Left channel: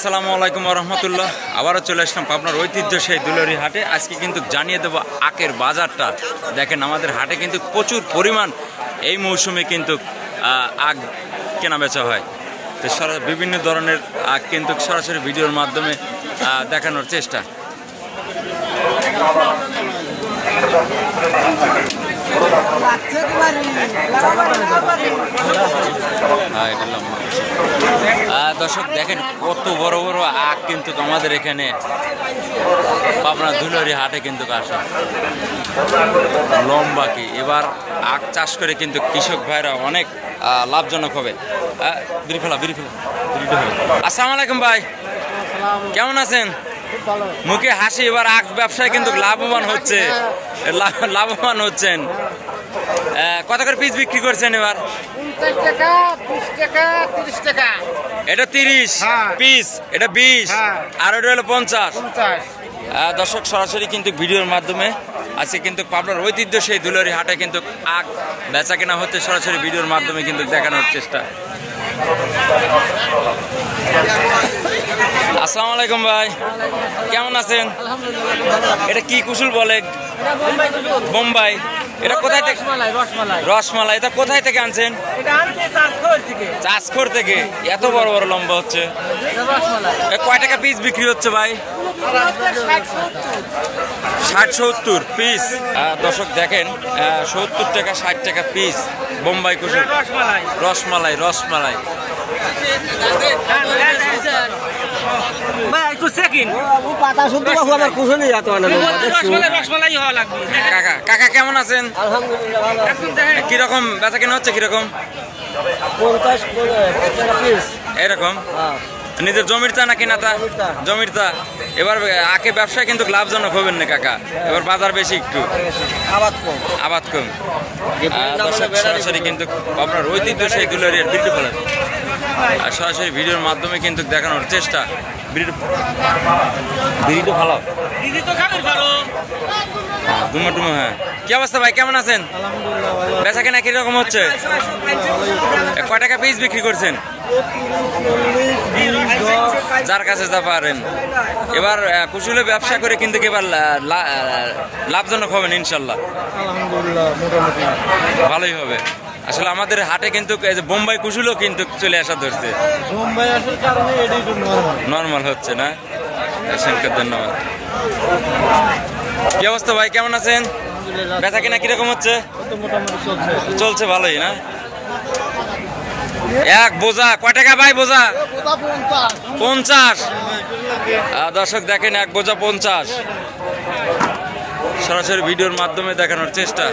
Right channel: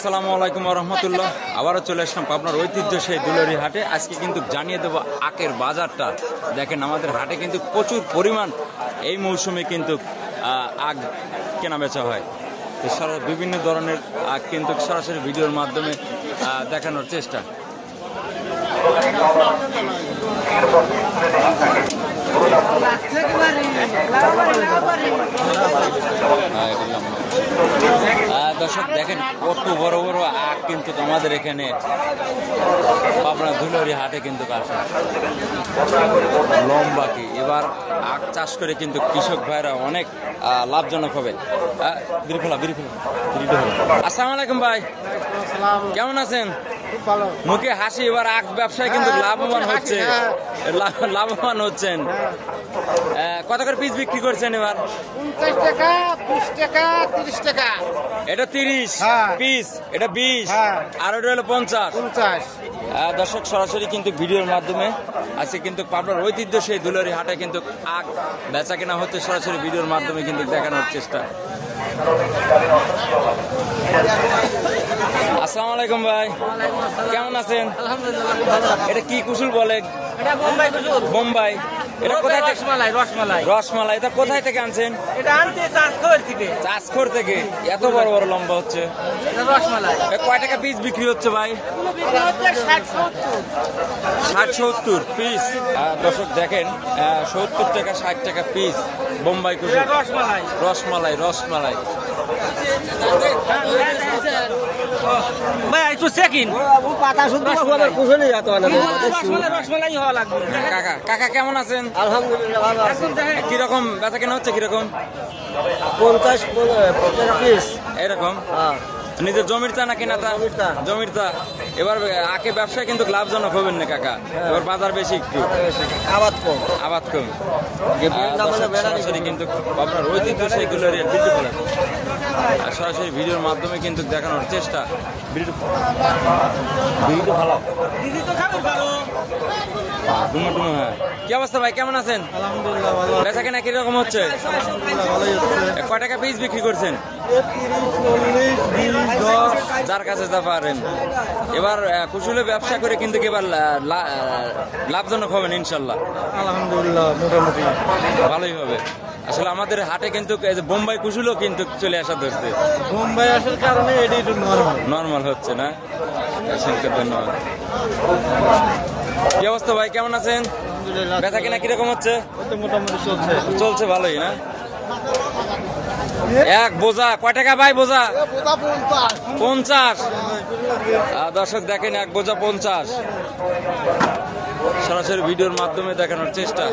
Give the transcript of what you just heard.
আসসালামু আলাইকুম রহমতুল্লাহ। আবারও চলে আসলাম আপনার ঐতিহ্য সেই দুলারি হাটে। আজকে কিন্তু জানিয়ে দেবো আখের বাজারটা। দেখেন আমাদের হাটে কিন্তু প্রচুর পরিমাণ এই মৌসুমে কিন্তু আখ কেনা বেচা হয়। তো বিভিন্ন ধরনের আখ কিন্তু সরাসরি ভিডিওর মাধ্যমে দেখানোর চেষ্টা। দর্শক দেখেন কত বড় বড় আখ কিন্তু আমাদের এখানে পাবনা দুলারি হাটে কিন্তু আসে। লম্বা কি এবার আখ চাষ করে কিন্তু কৃষক ভাইরা অনেক লাভজনক হবে। আসসালামু আলাইকুম ভাই, কেমন আছেন? মুখে হাসি। এবার আখ ব্যবসায় কিন্তু লাভবান হচ্ছেন। কত করে পিস বিক্রি করছেন এবার? 50 টাকা, 20 টাকা, 30 টাকা। এটা 30 পিস, এটা 20 আর ওটা হলো 50। দর্শক সরাসরি কিন্তু ভিডিওর মাধ্যমে আজকে কিন্তু পাবনার ঐতিহ্য সেই দুলারি হাটে কিন্তু আখ বেচা কেনা হতে সরাসরি ভিডিওর মাধ্যমে কিন্তু দেখানোর চেষ্টা। আসসালামু আলাইকুম ভাই, কেমন আছেন? এটা কি কুসুল বলে? বোম্বাই। এটা কোথায় থেকে? রসমালাই। এটা কোথায় থেকে আনছেন? চাষখোর থেকে। এত বড় বড় লম্বা হচ্ছে। কয় টাকা পিস বিক্রি হচ্ছে ভাই? 60-70 পিস। দর্শক দেখেন 70 টাকা 60 টাকা পিস বোম্বাই কুসুল। রসমালাই। কাকা কেমন আছেন? কিরকম বেচা কেনা হচ্ছে? কিরকম? 50 টাকা পিস এরকম। নিজের জমির চা না কেনাটা? জমির চা। এবার আখে ব্যবসায় কিন্তু লাভজনক হবেন না কাকা, এবার বাজার বেশি, একটু আবাদ কম। দর্শক সরাসরি কিন্তু আপনার ঐতিহ্য সেই দুলারিয়ার বিক্রি ফেলেন আর সরাসরি ভিডিওর মাধ্যমে কিন্তু দেখানোর চেষ্টা। ভালো দুমো। হ্যাঁ, কি অবস্থা ভাই, কেমন আছেন? বেচা কেনা কিরকম হচ্ছে? কয় টাকা পিস বিক্রি করছেন? যার কাছে যা পারেন। এবার কুশলে ব্যবসা করে কিন্তু এবার লাভজনক হবেন ইনশাল্লাহ। আলহামদুলিল্লাহ মোটামুটি ভালোই হবে। আসলে আমাদের হাটে কিন্তু এই যে বোম্বাই কুশলও কিন্তু চলে আসা ধরছে। বোম্বাই আসার কারণে এটি একটু নরমাল হচ্ছে না। ধন্যবাদ। কি অবস্থা ভাই, কেমন আছেন? বেচা কেনা কিরকম হচ্ছে? মোটামুটি চলছে ভালোই না? এক বোঝা কয় টাকা ভাই? বোঝা 50। দর্শক দেখেন এক বোঝা 50। সরাসরি ভিডিওর মাধ্যমে দেখানোর চেষ্টা।